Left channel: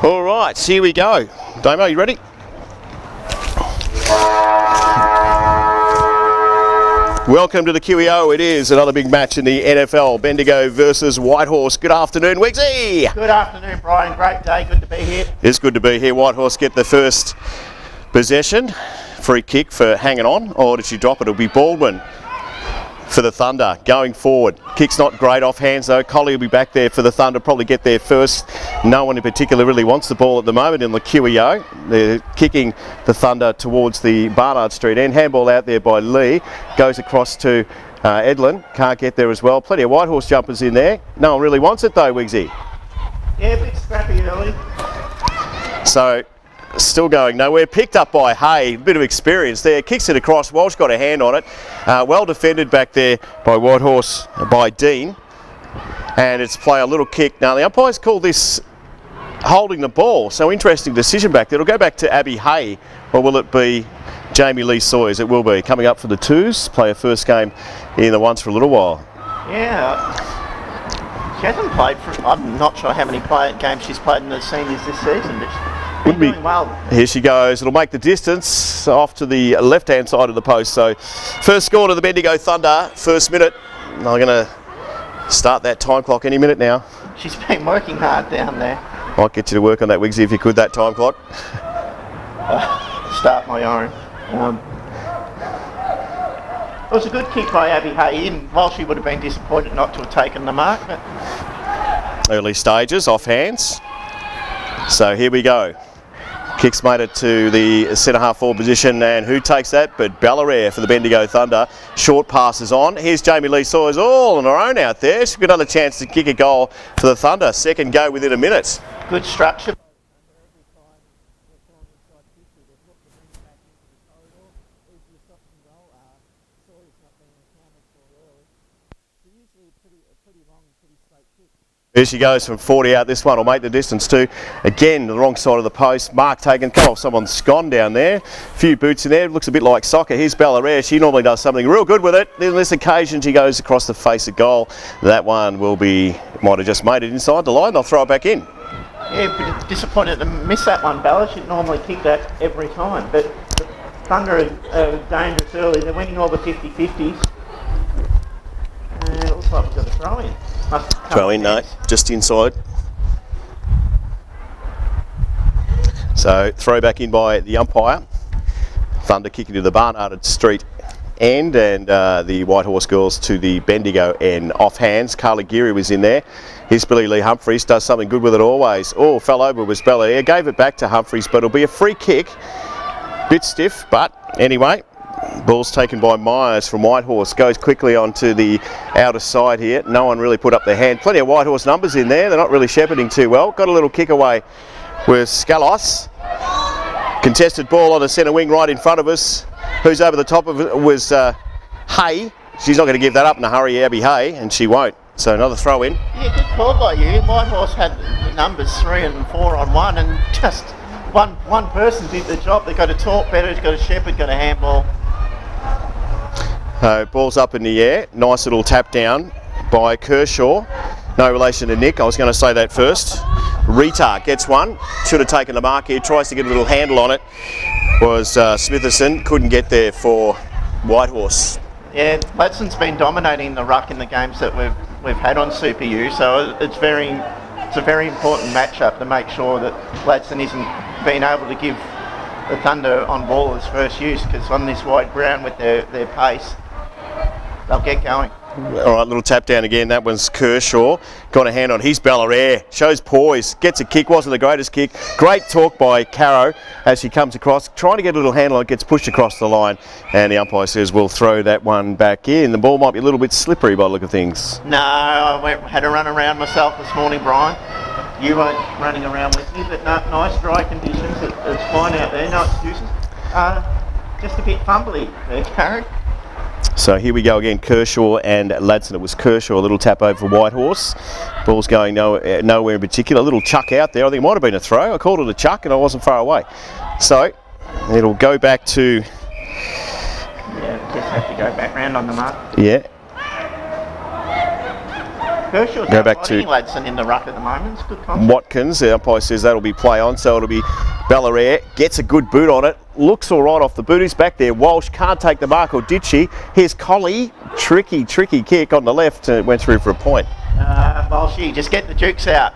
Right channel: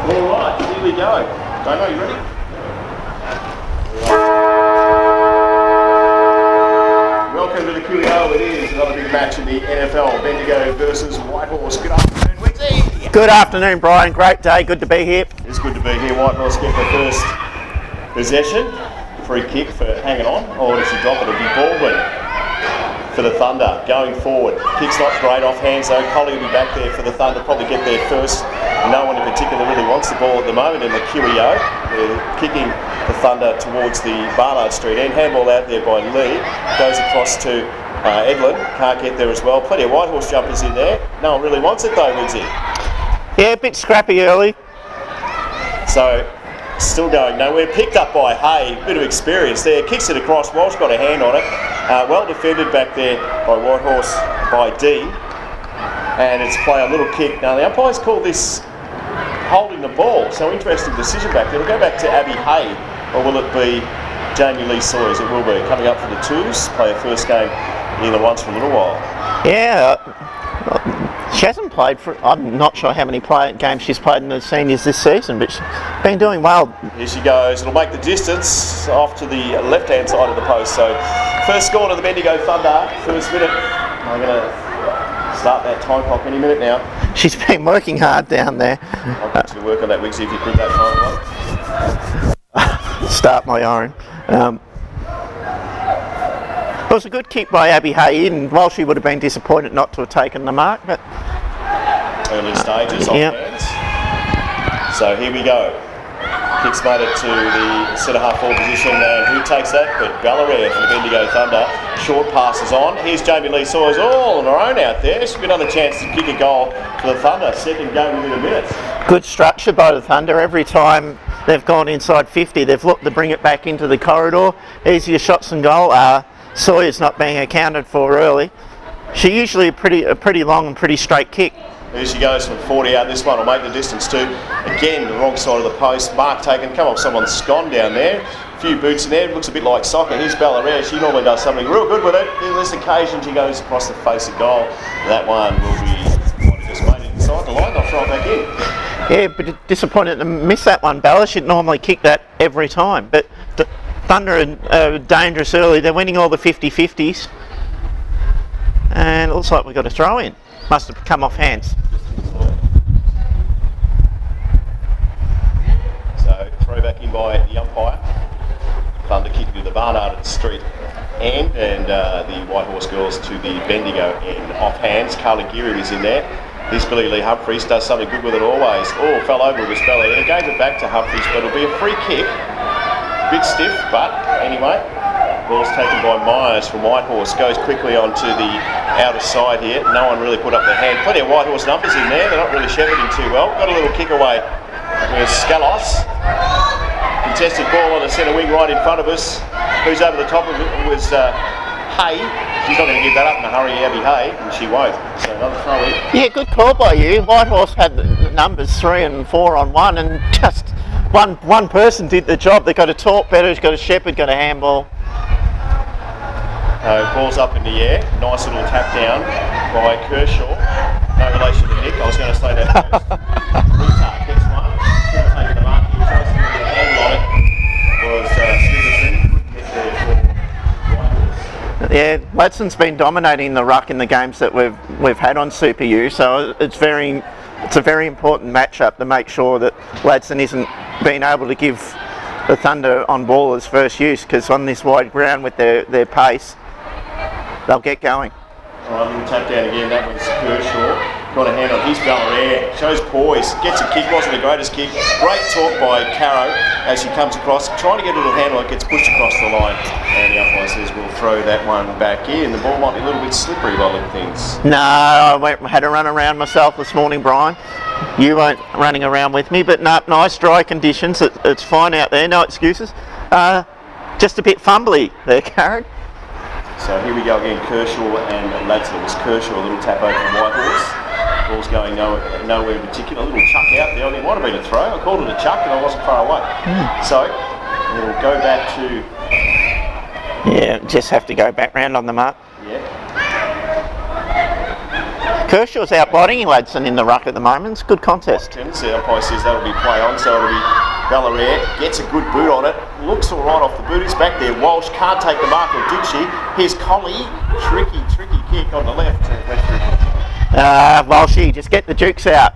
All right, here we go. Damo, you ready? Welcome to the QEO. It is another big match in the NFL. Bendigo versus Whitehorse. Good afternoon, Wigsy. Good afternoon, Brian. Great day. Good to be here. It's good to be here. Whitehorse get the first possession. Free kick for hanging on. Or did she drop it? It'll be Baldwin for the Thunder going forward. Kick's not great off hands though. Collie will be back there for the Thunder, probably get there first. No one in particular really wants the ball at the moment in the QEO. They're kicking the Thunder towards the Barnard Street end. Handball out there by Lee. Goes across to Edlin. Can't get there as well. Plenty of Whitehorse jumpers in there. No one really wants it though, Wigsy. Yeah, a bit scrappy early. So still going nowhere. Picked up by Hay. Bit of experience there. Kicks it across. Walsh got a hand on it. Well defended back there by Whitehorse, by Dean. And it's play a little kick. Now the umpires call this holding the ball. So interesting decision back there. It'll go back to Abby Hay. Or will it be Jamie Lee Sawyers? It will be. Coming up for the twos. Play a first game in the ones for a little while. Yeah. She hasn't played for, I'm not sure how many games she's played in the seniors this season, but she's been doing well. Here she goes. It'll make the distance off to the left-hand side of the post. So first score to the Bendigo Thunder, first minute. I'm going to start that time clock any minute now. She's been working hard down there. Might get you to work on that, Wigsy, if you could, that time clock. Start my own. It was a good kick by Abby Hay, and while she would have been disappointed not to have taken the mark. But early stages, off hands. So here we go. Kicks made it to the centre half forward position, and who takes that but Ballarat for the Bendigo Thunder. Short passes on. Here's Jamie Lee Sawyers all on her own out there. She's got another chance to kick a goal for the Thunder. Second go within a minute. Good structure by the Thunder. Every time they've gone inside 50, they've looked to bring it back into the corridor. Easier shots and goal. Sawyer's not being accounted for early. She usually a pretty long and pretty straight kick. Here she goes from 40 out. This one will make the distance too. Again, the wrong side of the post. Mark taken. Come on, someone's scone down there. A few boots in there. Looks a bit like soccer. Here's Ballarat. She normally does something real good with it. In this occasion, she goes across the face of goal. That one will be, might have just made it inside the line. They'll throw it back in. Yeah, but disappointed to miss that one, Bella. She'd normally kick that every time. But Thunder are dangerous early. They're winning all the 50-50s. And it looks like we've got a throw in. Must have come off hands. No, just inside. So throw back in by the umpire. Thunder kicking to the Barnard Street end, and the Whitehorse girls to the Bendigo end. Off hands. Carly Geary was in there. Here's Billy Lee Humphries. Does something good with it always. Oh, fell over with Belair. Gave it back to Humphries, but it'll be a free kick. Bit stiff, but anyway, ball's taken by Myers from Whitehorse. Goes quickly onto the outer side here. No one really put up their hand. Plenty of Whitehorse numbers in there. They're not really shepherding too well. Got a little kick away with Scalos. Contested ball on the centre wing right in front of us. Who's over the top of it was Hay. She's not going to give that up in a hurry, Abby Hay, and she won't. So another throw in. Yeah, good call by you. Whitehorse had the numbers 3 and 4 on one, and just one person did the job. They got a talk better, got a shepherd, got a handball. Ball's up in the air. Nice little tap down by Kershaw. No relation to Nick, I was going to say that first. Rita gets one. Should have taken the mark here. Tries to get a little handle on it. Was Smitherson. Couldn't get there for Whitehorse. Yeah, Ladson's been dominating the ruck in the games that we've had on Super U, so it's a very important matchup to make sure that Ladson isn't being able to give the Thunder on ball as first use, because on this wide ground with their pace, they'll get going. All right, little tap down again. That was Kershaw. Got a hand on his Ballarat. Shows poise. Gets a kick. Wasn't the greatest kick. Great talk by Caro as she comes across. Trying to get a little handle. It gets pushed across the line. And the umpire says we'll throw that one back in. The ball might be a little bit slippery by the look of things. No, I had to run around myself this morning, Brian. You weren't running around with me, but no, nice dry conditions. It's fine out there. No excuses. Just a bit fumbly there, Caro. So here we go again, Kershaw and Ladson. It was Kershaw, a little tap over for Whitehorse. Ball's going nowhere in particular. A little chuck out there. I think it might have been a throw. I called it a chuck and I wasn't far away. So it'll go back to... Yeah, just have to go back round on the mark. Yeah. Kershaw's Now back out-bodying to Ladson in the ruck at the moment. It's a good contest. Watkins, the umpire says that'll be play on, so it'll be Ballarat, gets a good boot on it, looks all right off the boot, he's back there. Walsh can't take the mark, or did she? Here's Collie, tricky kick on the left, went through for a point. Walshy, just get the jukes out.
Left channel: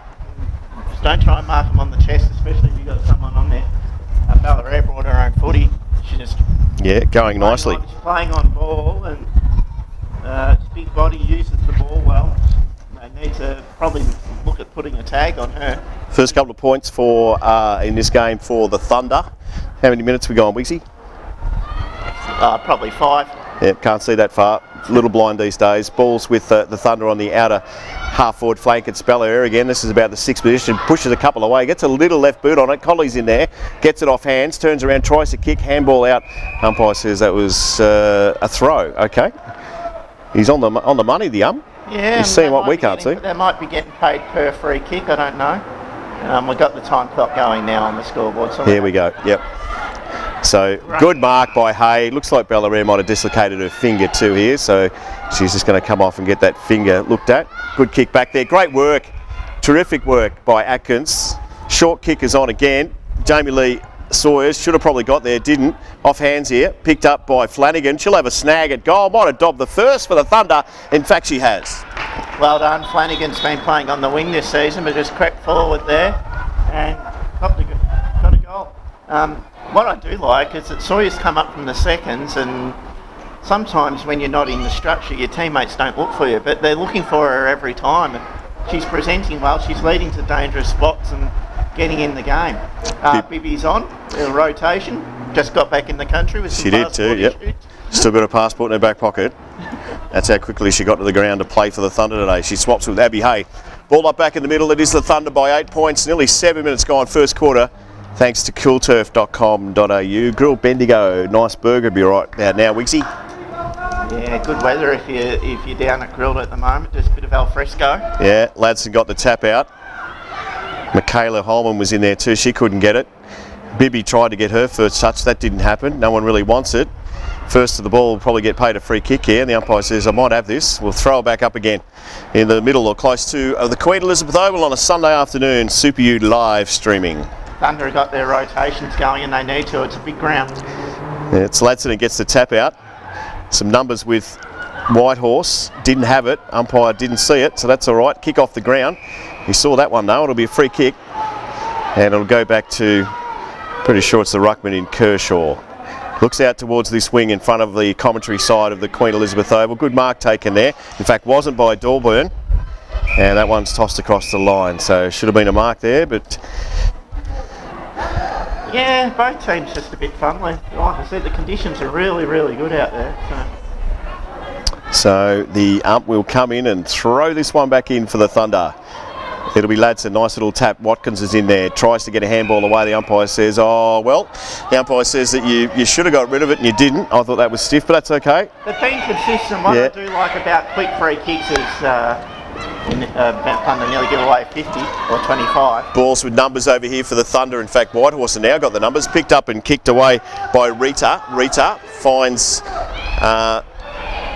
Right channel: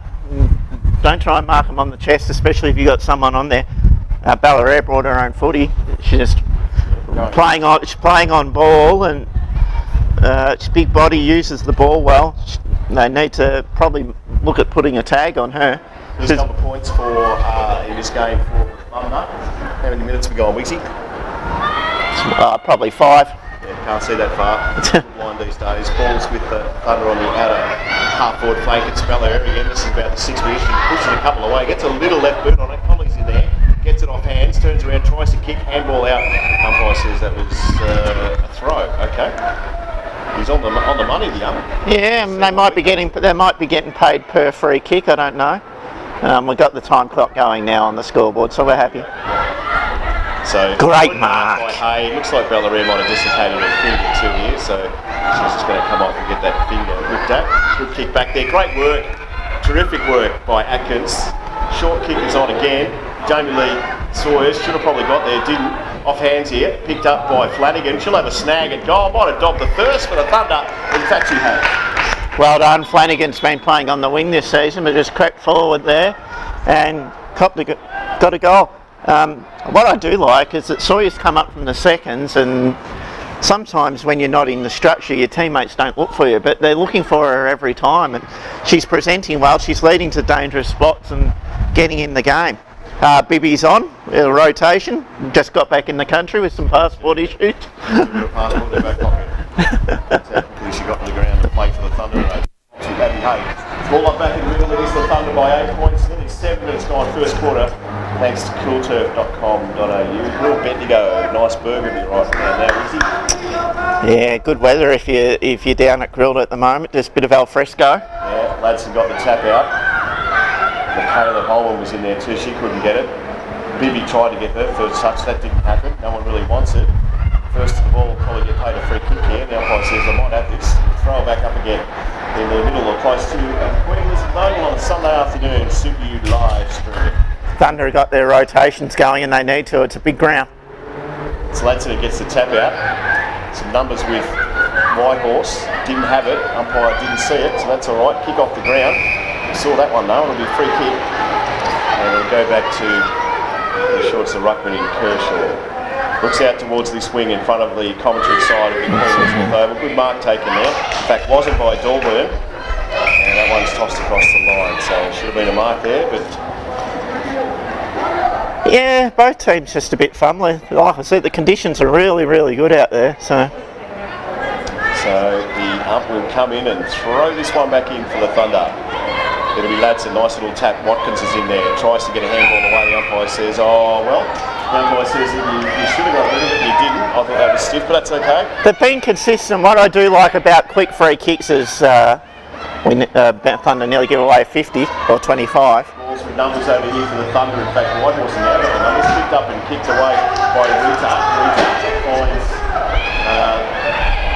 Don't try and mark them on the chest, especially if you've got someone on there. Ballarat brought her own footy. She just Going playing nicely. on. She's playing on ball, and its big body uses the ball well. They need to probably look at putting a tag on her. First couple of points for in this game for the Thunder. How many minutes we got on, Wixie? Probably 5. Yeah, can't see that far. It's a little blind these days. Balls with the Thunder on the outer half-forward flank. It's Ballarat again. This is about the 6th position. Pushes a couple away. Gets a little left boot on it. Colley's in there. Gets it off hands. Turns around. Tries to kick. Handball out. Umpire says that was a throw. Okay. He's on the money, the ump. Yeah, He's seen they what might we be can't getting see. they might be getting paid per free kick. I don't know. We've got the time clock going now on the scoreboard. So There we go. Yep. So Great good mark mark. by Hay. Looks like Ballarat might have dislocated her finger too here, so she's just going to come off and get that finger looked at. Good kick back there. Great work. Terrific work by Atkins. Short kick is on again. Jamie Lee Sawyers should have probably got there, didn't. Off hands here. Picked up by Flanagan. She'll have a snag at goal. Might have dobbed the first for the Thunder. In fact, she has. Well done. Flanagan's been playing on the wing this season, but just crept forward there and got a goal. What I do like is that Sawyer's come up from the seconds, and sometimes when you're not in the structure, your teammates don't look for you, but they're looking for her every time. And she's presenting well. She's leading to dangerous spots and getting in the game. Bibby's on a rotation. Just got back in the country with some passport issues. Still got a passport in her back pocket. That's how quickly she got to the ground to play for the Thunder today. She swaps with Abby Hay. Ball up back in the middle. It is the Thunder by 8 points. Nearly 7 minutes gone first quarter. Thanks to coolturf.com.au. Grill Bendigo. Nice burger, be right now, Wixie. Yeah, good weather if you're down at Grilled at the moment. Just a bit of al fresco. Yeah, lads have got the tap out. Michaela Holman was in there too. She couldn't get it. Bibby tried to get her first touch. That didn't happen. No one really wants it. First to the ball will probably get paid a free kick here. And the umpire says, I might have this. We'll throw it back up again in the middle or close to the Queen Elizabeth Oval on a Sunday afternoon. Super U live streaming. Thunder have got their rotations going and they need to. It's a big ground. Yeah, it's Ladson who gets the tap out. Some numbers with Whitehorse. Didn't have it. Umpire didn't see it, so that's all right. Kick off the ground. He saw that one though. It'll be a free kick. And it'll go back to, pretty sure it's the ruckman in Kershaw. Looks out towards this wing in front of the commentary side of the Queen Elizabeth Oval. Good mark taken there. In fact, wasn't by Dorburn. And that one's tossed across the line. So should have been a mark there, but... Yeah, both teams just a bit fun. Like I said, the conditions are really, really good out there. So the ump will come in and throw this one back in for the Thunder. It'll be Ladson, nice little tap. Watkins is in there, tries to get a handball away. The umpire says, oh, well, the umpire says that you should have got rid of it and you didn't. I thought that was stiff, but that's okay. They've been consistent. What I do like about quick free kicks is when Thunder nearly give away 50 or 25. Balls with numbers over here for the Thunder. In fact, Whitehorse now got the numbers. Picked up and kicked away by Rita. Rita finds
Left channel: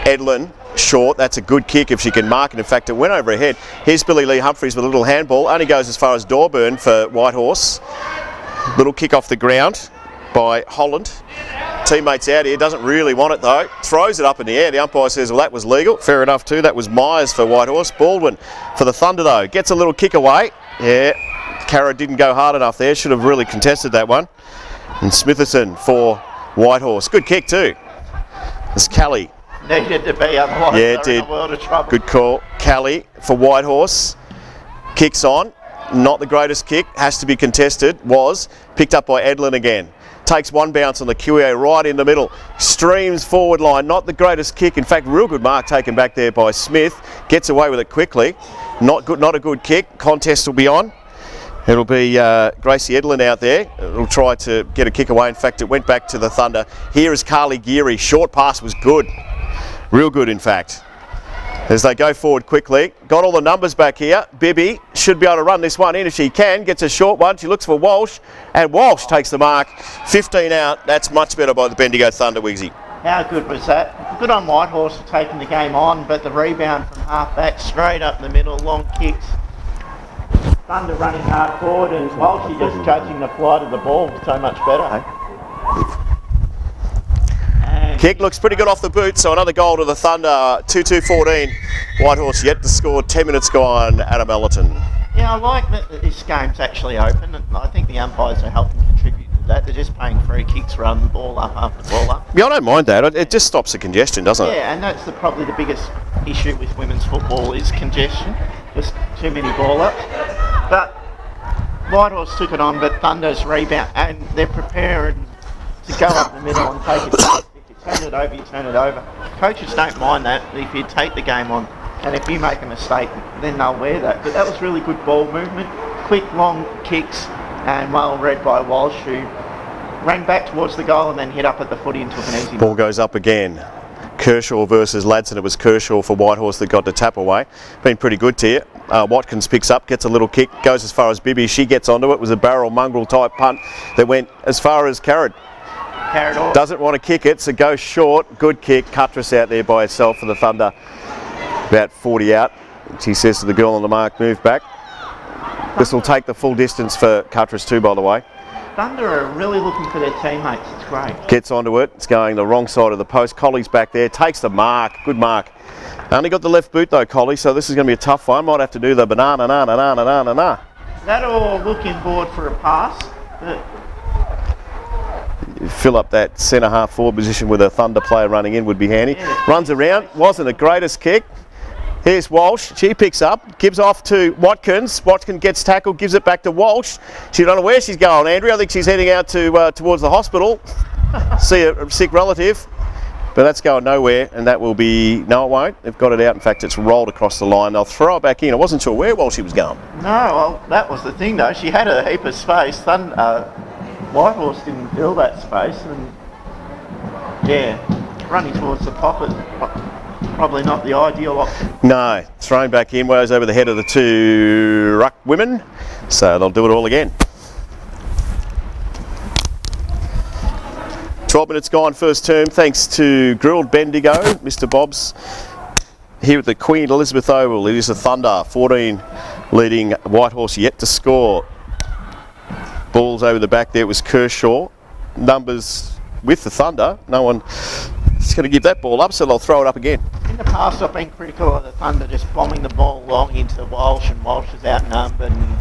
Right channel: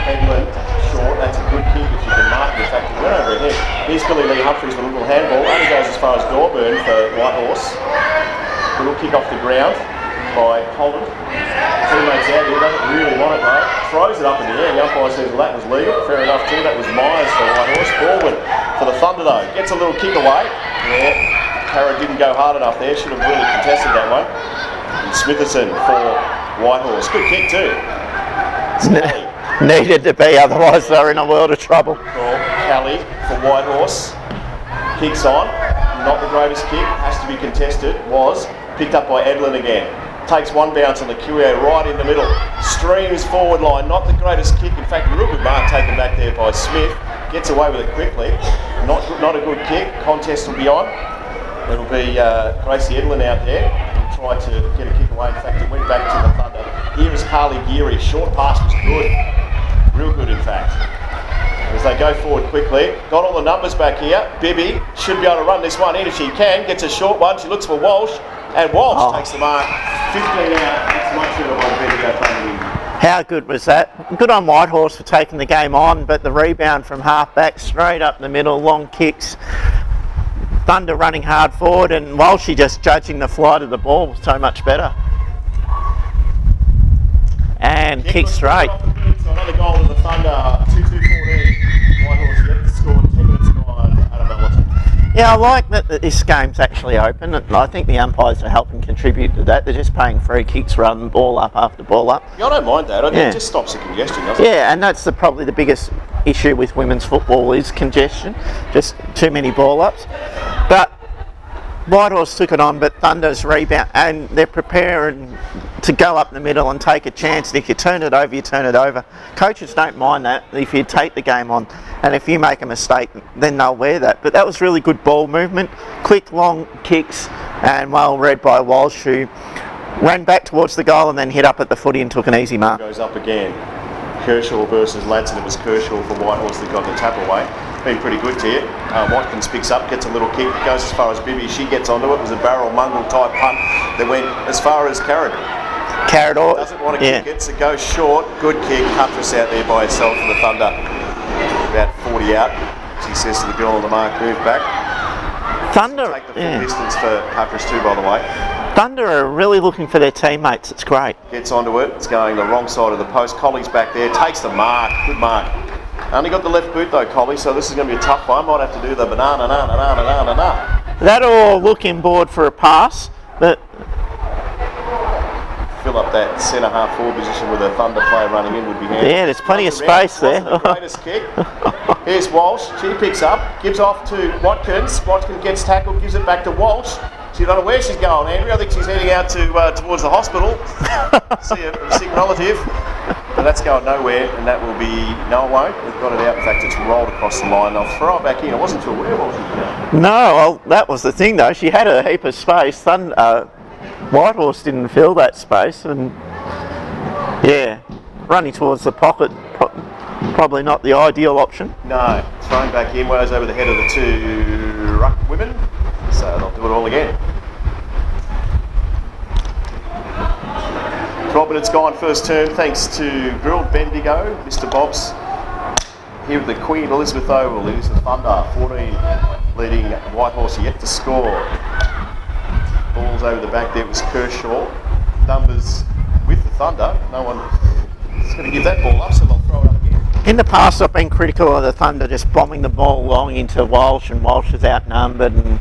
Edlin short. That's a good kick if she can mark it. In fact, it went over her head. Here's Billy Lee Humphries with a little handball. Only goes as far as Dorburn for Whitehorse. Little kick off the ground by Holland. Teammates out here, doesn't really want it though. Throws it up in the air. The umpire says, well, that was legal. Fair enough too. That was Myers for Whitehorse. Baldwin for the Thunder though. Gets a little kick away. Yeah, Carra didn't go hard enough there. Should have really contested that one. And Smitherton for Whitehorse. Good kick too. It's Kelly. Needed to be, otherwise they're in a world of trouble. Good call. Kelly for Whitehorse. Kicks on. Not the greatest kick. Has to be contested. Was. Picked up by Edlin again. Takes one bounce on the QA right in the middle. Streams forward line. Not the greatest kick. In fact, real good mark taken back there by Smith. Gets away with it quickly. Not a good kick. Contest will be on. It'll be Gracie Edlin out there. It'll try to get a kick away. In fact, it went back to the Thunder. Here is Carly Geary. Short pass was good. Real good, in fact. As they go forward quickly. Got all the numbers back here. Bibby should be able to run this one in if she can. Gets a short one. She looks for Walsh, and Walsh takes the mark. 15 out. That's much better by the Bendigo Thunder, Wigsy. How good was that? Good on Whitehorse for taking the game on, but the rebound from half back, straight up the middle, long kicks. Thunder running hard forward, and Walshy just judging the flight of the ball so much better. And Kick looks pretty good off the boot, so another goal to the Thunder. 2-2-14. Whitehorse yet to score. 10 minutes gone. Adam Ellerton. Yeah, I like that this game's actually open, and I think the umpires are helping contribute to that. They're just paying free kicks rather than ball up after ball up. Yeah, I don't mind that. It just stops the congestion, doesn't it? Yeah, and that's probably the biggest issue with women's football is congestion. Just too many ball ups. But Whitehorse took it on, but Thunder's rebound, and they're preparing to go up the middle and take a chance. And if you turn it over, you turn it over. Coaches don't mind that if you take the game on. And if you make a mistake, then they'll wear that. But that was really good ball movement, quick, long kicks, and well read by Walsh, who ran back towards the goal and then hit up at the footy and took an easy Ball mark. goes up again. Kershaw versus Ladson. It was Kershaw for Whitehorse that got the tap away. Been pretty good to you. Watkins picks up, gets a little kick, goes as far as Bibby. She gets onto it. It was a barrel mongrel type punt that went as far as Carrot. Carrot doesn't want to kick it, so goes short. Good kick. Cuttress out there by herself for the Thunder. About 40 out. She says to the girl on the mark, move back. This will take the full distance for Cuttress too, by the way. Thunder are really looking for their teammates. It's great. Gets onto it. It's going the wrong side of the post. Colley's back there. Takes the mark. Good mark. Only got the left boot though, Colley, so this is going to be a tough one. Might have to do the banana. That'll look inboard for a pass, but fill up that centre half forward position with a Thunder player running in would be handy. Yeah, there's plenty of space Wasn't there. the greatest kick. Here's Walsh. She picks up, gives off to Watkins. Watkins gets tackled, gives it back to Walsh. She don't know where she's going, Andrea. I think she's heading out to towards the hospital. See a sick relative. But that's going nowhere, and that will be... No, it won't. They've got it out. In fact, it's rolled across the line. They'll throw it back in. I wasn't sure where Walsh was going. no, well, that was the thing though. She had a heap of space. Whitehorse didn't fill that space, and yeah, running towards the pocket, probably not the ideal option. No, thrown back in, goes over the head of the two ruck women, so they'll do it all again. 12 minutes gone, first term, thanks to Grilled Bendigo, Mr. Bob's here at the Queen Elizabeth Oval. It is the Thunder, 14 leading Whitehorse yet to score. Balls over the back there, it was Kershaw. Numbers with the Thunder, no one is going to give that ball up, so they'll throw it up again. In the past, I've been critical of the Thunder just bombing the ball long into Walsh, and Walsh is outnumbered and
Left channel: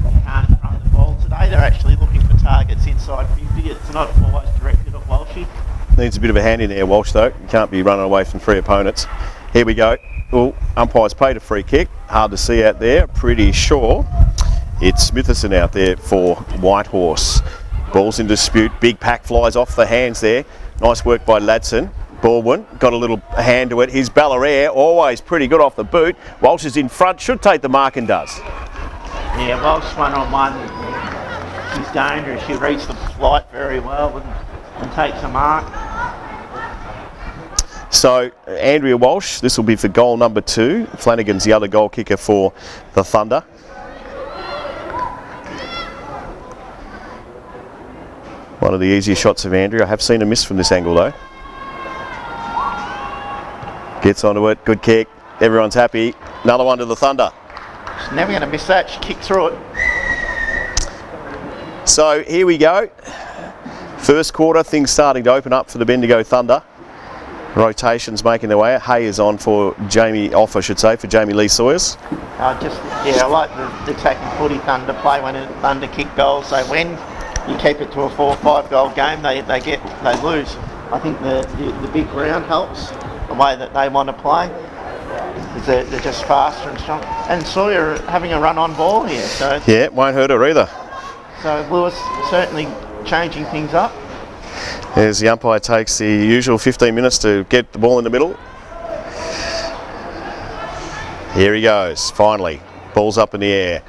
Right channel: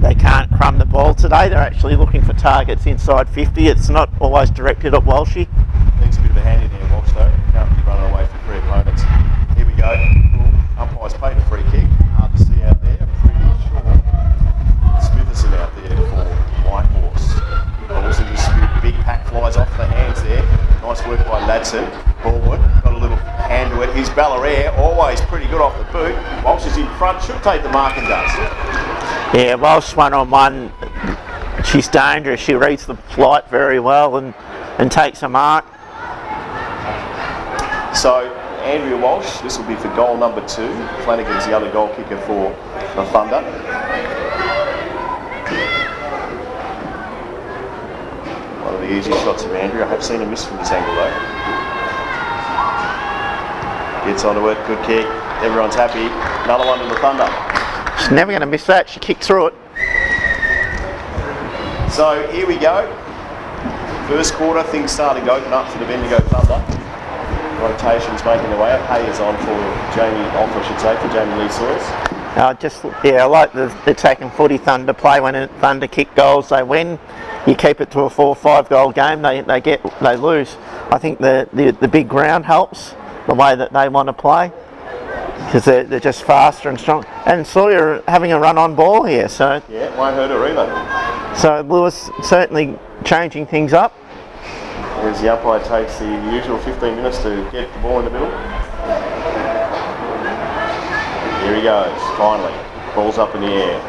they can't crumb the ball. Today they're actually looking for targets inside 50. It's not always directed at Walshy. Needs a bit of a hand in there, Walsh, though. Can't be running away from three opponents. Here we go. Well, umpire's paid a free kick. Hard to see out there. Pretty sure it's Smitherson out there for Whitehorse. Ball's in dispute. Big pack flies off the hands there. Nice work by Ladson. Baldwin got a little hand to it. Here's Ballarat, always pretty good off the boot. Walsh is in front, should take the mark and does. Yeah, Walsh 1-on-1. She's dangerous. She reads the flight very well and takes a mark. So Andrea Walsh, this will be for goal number 2. Flanagan's the other goal kicker for the Thunder. One of the easy shots of Andrea. I have seen a miss from this angle though. Gets onto it, good kick. Everyone's happy. Another one to the Thunder. She's never going to miss that. She kicked through it. So here we go. First quarter, things starting to open up for the Bendigo Thunder. Rotations making their way out. Hay is on for for Jamie Lee Sawyers. I like the attacking footy Thunder play. When Thunder kick goals, they win. You keep it to a 4 or 5 goal game, they lose. I think the big ground helps the way that they want to play, because they're just faster and strong. And Sawyer having a run on ball here, so yeah, won't hurt her either. So Lewis certainly changing things up. As the umpire takes the usual 15 minutes to get the ball in the middle. Here he goes, finally. Ball's up in the air.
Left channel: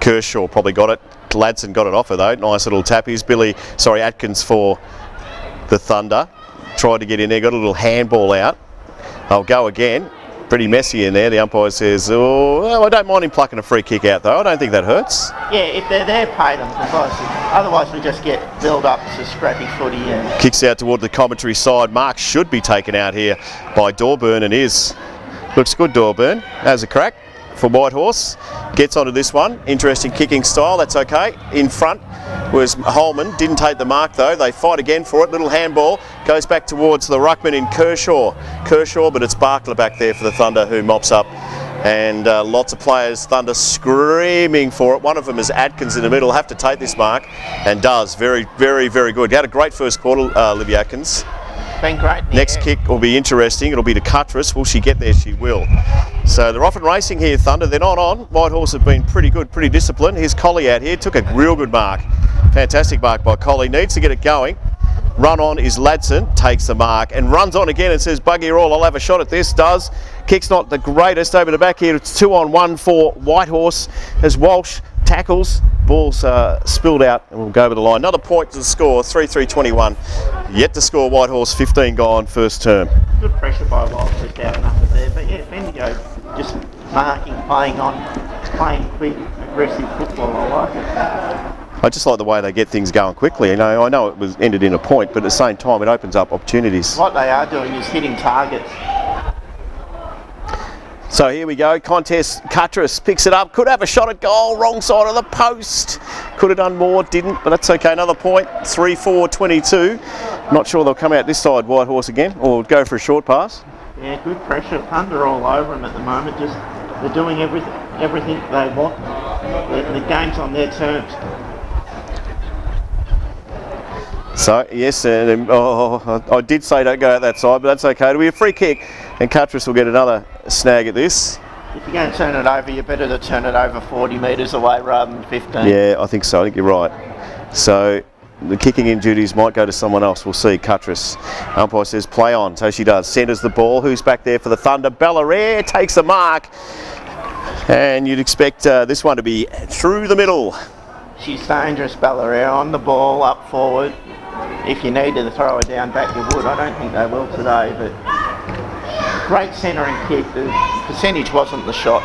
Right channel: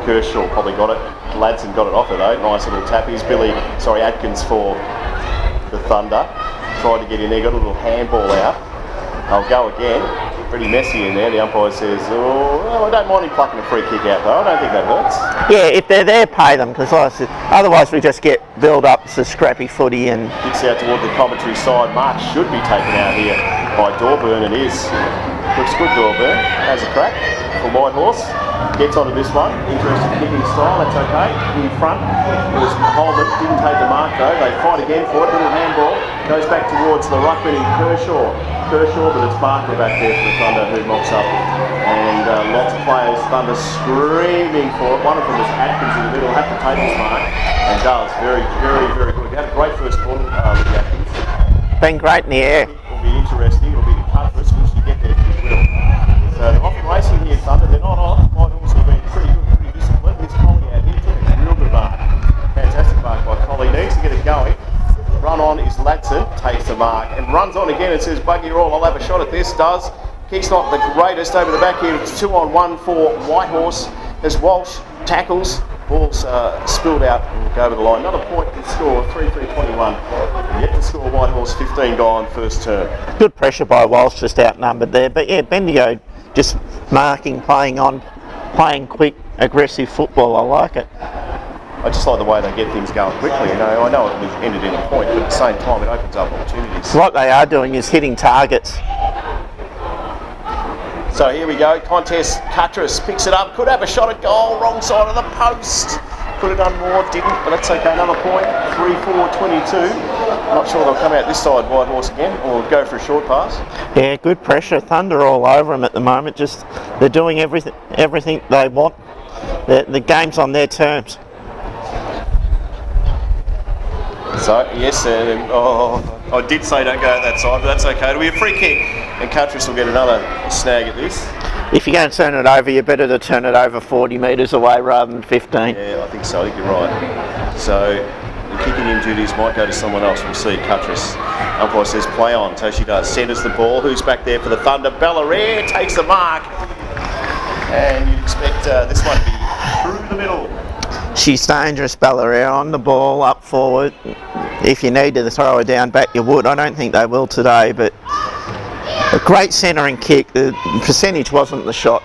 Kershaw probably got it. Ladson got it off her though. Nice little tappies. Atkins for the Thunder. Tried to get in there, got a little handball out. They'll go again. Pretty messy in there. The umpire says, oh, I don't mind him plucking a free kick out though. I don't think that hurts. Yeah, if they're there, pay them, because otherwise we just get build up to scrappy footy. And kicks out toward the commentary side. Mark should be taken out here by Dorburn. It is. Looks good, Dorburn. Has a crack for Whitehorse. Gets onto this one. Interesting kicking style. That's okay. In front. Whereas Holman didn't take the mark though. They fight again for it. Little handball goes back towards the ruckman in Kershaw, but it's Barkler back there for the Thunder who mops up. And lots of players, Thunder screaming for it. One of them is Atkins in the middle. Have to take this mark, and does. Very, very, very good. He had a great first quarter, Libby Atkins. Been great in the Next air. kick will be interesting. It'll be to Cuttress. Will she get there? She will. So they're off and racing here, Thunder. They're not on. Whitehorse have been pretty good, pretty disciplined. Here's Collie out here. Took a real good mark. Fantastic mark by Collie. Needs to get it going. Run on is Ladson. Takes the mark and runs on again. It says, buggy roll. I'll have a shot at this. Does. Kick's not the greatest over the back here. It's 2-on-1 for Whitehorse as Walsh tackles. Ball's spilled out. We'll go over the line. Another point to the score, 3-3-21. Yet to score Whitehorse, 15 gone, first term. Good pressure by Walsh, just outnumbered there. But yeah, Bendigo just marking, playing quick, aggressive football. I like it. I just like the way they get things going quickly. You know, I know it was ended in a point, but at the same time, it opens up opportunities. What they are doing is hitting targets. So here we go, contest. Cuttress picks it up, could have a shot at goal, wrong side of the post. Could have done more, didn't, but that's okay. Another point, 3-4-22. Not sure they'll come out this side, Whitehorse again, or go for a short pass. Yeah, good pressure. Thunder all over them at the moment. Just they're doing everything they want. The game's on their terms. So, yes, I did say don't go out that side, but that's okay. It'll be a free kick, and Cuttress will get another snag at this. If you're going to turn it over, you're better to turn it over 40 metres away rather than 15. Yeah, I think so. I think you're right. So, the kicking in duties might go to someone else. We'll see. Cuttress. Umpire says play on, so she does. Centres the ball. Who's back there for the Thunder? Bellaire takes the mark. And you'd expect this one to be through the middle. She's dangerous, Bellaire, on the ball, up forward. If you needed to throw her down back, you would. I don't think they will today, but a great centering kick. The percentage wasn't the shot.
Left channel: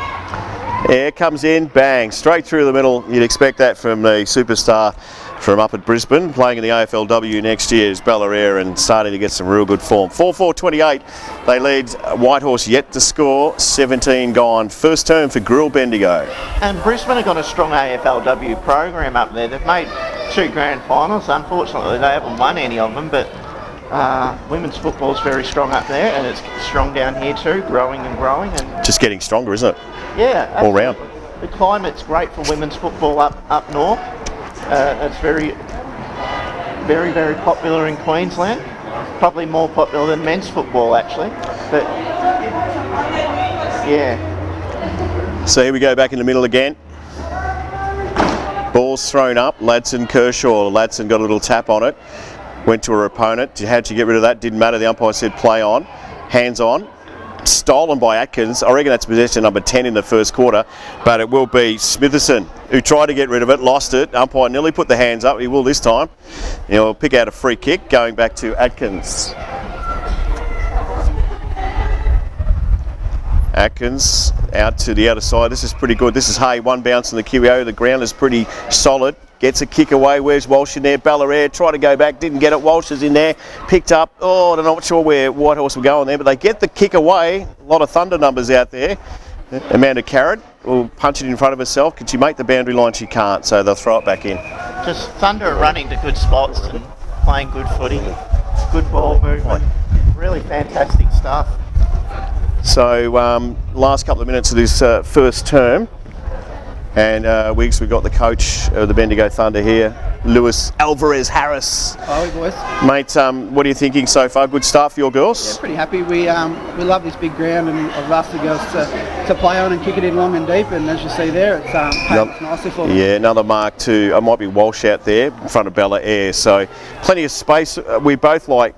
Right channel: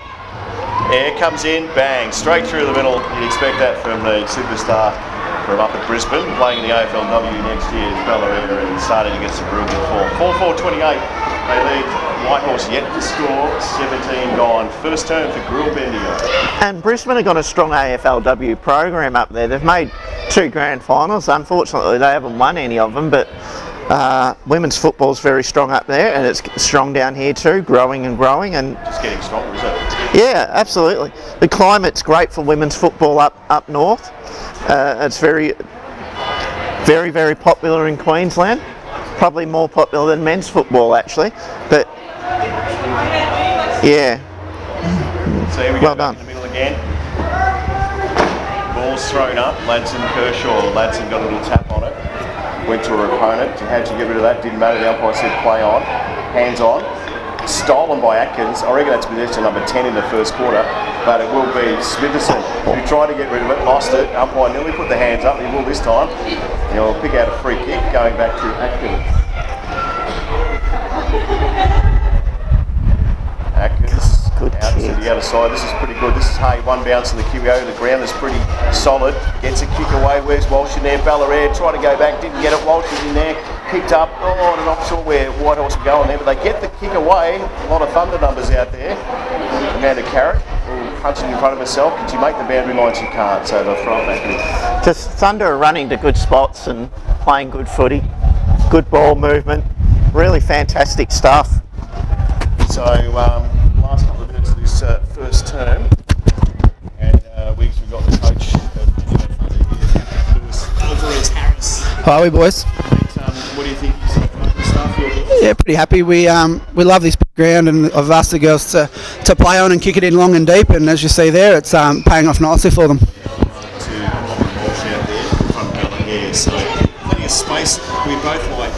Yeah, comes in, bang, straight through the middle. You'd expect that from the superstar from up at Brisbane, playing in the AFLW next year is Bellaire and starting to get some real good form. 4-4-28. They lead Whitehorse yet to score, 17 gone. First term for Grill Bendigo. And Brisbane have got a strong AFLW program up there. They've made 2 grand finals. Unfortunately, they haven't won any of them, but women's football's very strong up there, and it's strong down here too, growing and growing. And just getting stronger, isn't it? Yeah, absolutely. The climate's great for women's football up north. It's very, very, very popular in Queensland. Probably more popular than men's football, actually. But yeah. So here we go, back in the middle again. Ball's thrown up. Ladson, Kershaw. Ladson got a little tap on it. Went to her opponent. How'd she get rid of that? Didn't matter. The umpire said play on. Hands on. Stolen by Atkins. I reckon that's possession number 10 in the first quarter, but it will be Smitherson who tried to get rid of it, lost it. Umpire nearly put the hands up. He will this time. He'll pick out a free kick going back to Atkins. Atkins out to the other side. This is pretty good. This is Hay, one bounce in the QEO. The ground is pretty solid. Gets a kick away. Where's Walsh in there? Bellaire tried to go back, didn't get it. Walsh is in there. Picked up. Oh, I'm not sure where Whitehorse will go on there, but they get the kick away. A lot of Thunder numbers out there. Amanda Carrot will punch it in front of herself. Can she make the boundary line? She can't, so they'll throw it back in. Just Thunder are running to good spots and playing good footy. Good ball movement. Really fantastic stuff. So last couple of minutes of this first term, and Wiggs, we've got the coach of the Bendigo Thunder here, Lewis Alvarez Harris. Hi, boys. Mate, what are you thinking so far? Good start for your girls? Yeah, pretty happy. We love this big ground, and I've asked the girls to play on and kick it in long and deep, and as you see there, it's paying off nicely for them. Yeah, another mark to, I might be Walsh out there in front of Bellaire, so plenty of space. We both like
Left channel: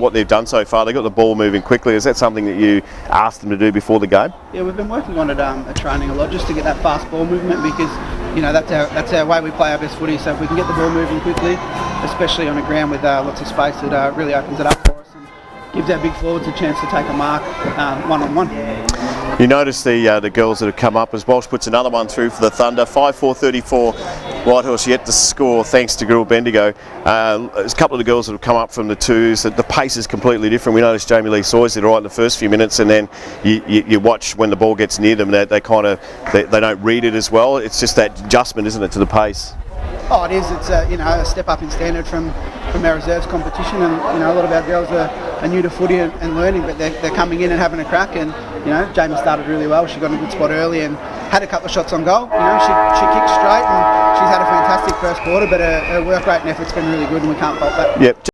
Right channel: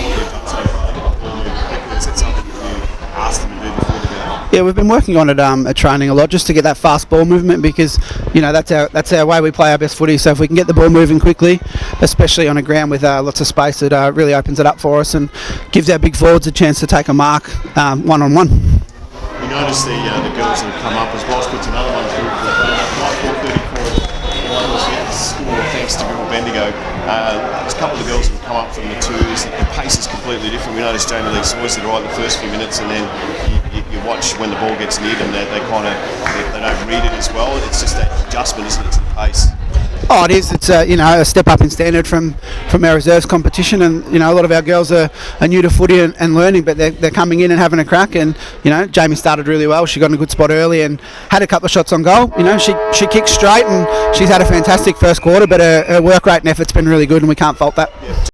what they've done so far. They've got the ball moving quickly. Is that something that you asked them to do before the game? Yeah, we've been working on it at training a lot, just to get that fast ball movement, because you know that's our way we play our best footy. So if we can get the ball moving quickly, especially on a ground with lots of space, it really opens it up for us and gives our big forwards a chance to take a mark one-on-one. You notice the girls that have come up as Boss puts another one through for the Thunder. 5-4-34. Whitehorse yet to score thanks to girl Bendigo. There's a couple of girls that have come up from the twos. That the pace is completely different. We noticed Jamie Lee Sawyers did all right in the first few minutes, and then you watch when the ball gets near them, they don't read it as well. It's just that adjustment, isn't it, to the pace? Oh, it is. It's a step up in standard from our reserves competition, and a lot of our girls are new to footy and learning, but they're coming in and having a crack. And Jamie started really well. She got in a good spot early and had a couple of shots on goal. She kicked straight and she's had a fantastic first quarter, but her work rate and effort's been really good, and we can't fault that. Yep.